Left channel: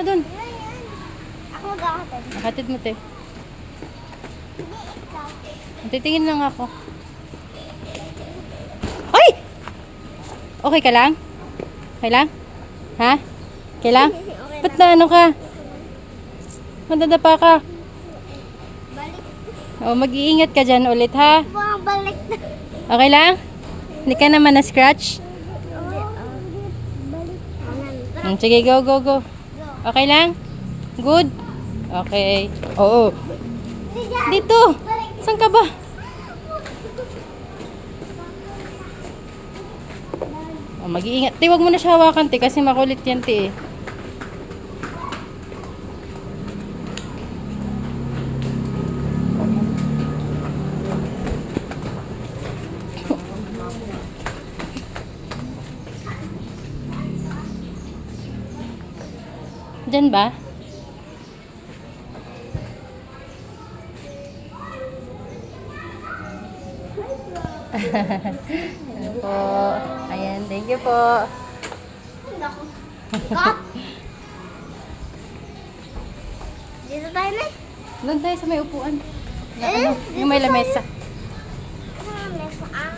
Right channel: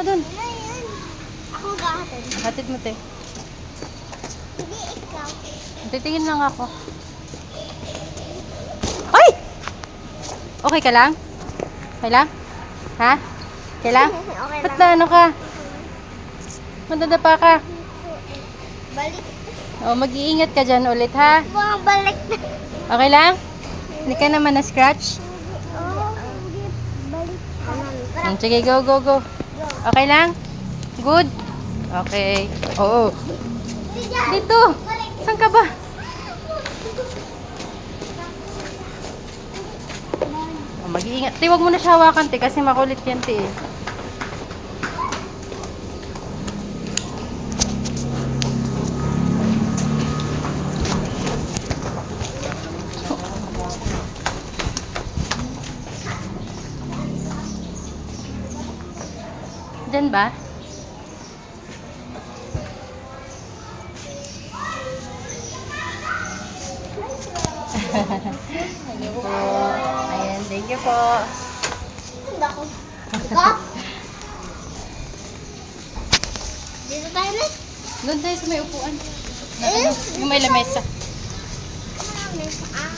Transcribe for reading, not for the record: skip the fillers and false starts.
mo dun. Ayan. Ako mag-ahatid. Nakatid mo, te. Hindi ikaw. Titingin lang ako. Ay! Okay ka lang? Okay lang? Ha? Okay lang? Okay Ba't lang. na ano ka? Madadapa ka. Balik. O, mag-iingat ka dyan ulit, ha? Bumabalik na. Okay lang? Hindi ka naman na-scratch? Oh, hindi. Balik. Sige, go, go, go. Okay lang? Good? Okay. Oo. Dito. Saan ka ba? O, mag-iingat. Te, wag mo na siya hawakan, te, kasi makulit yan, te, eh. Diyan ba? Ayan, thank you po. Ako. Ikaw? Dito tayo na. Doon tayo sa may upuan. Eh? Yung may lamesa. Ano may saan?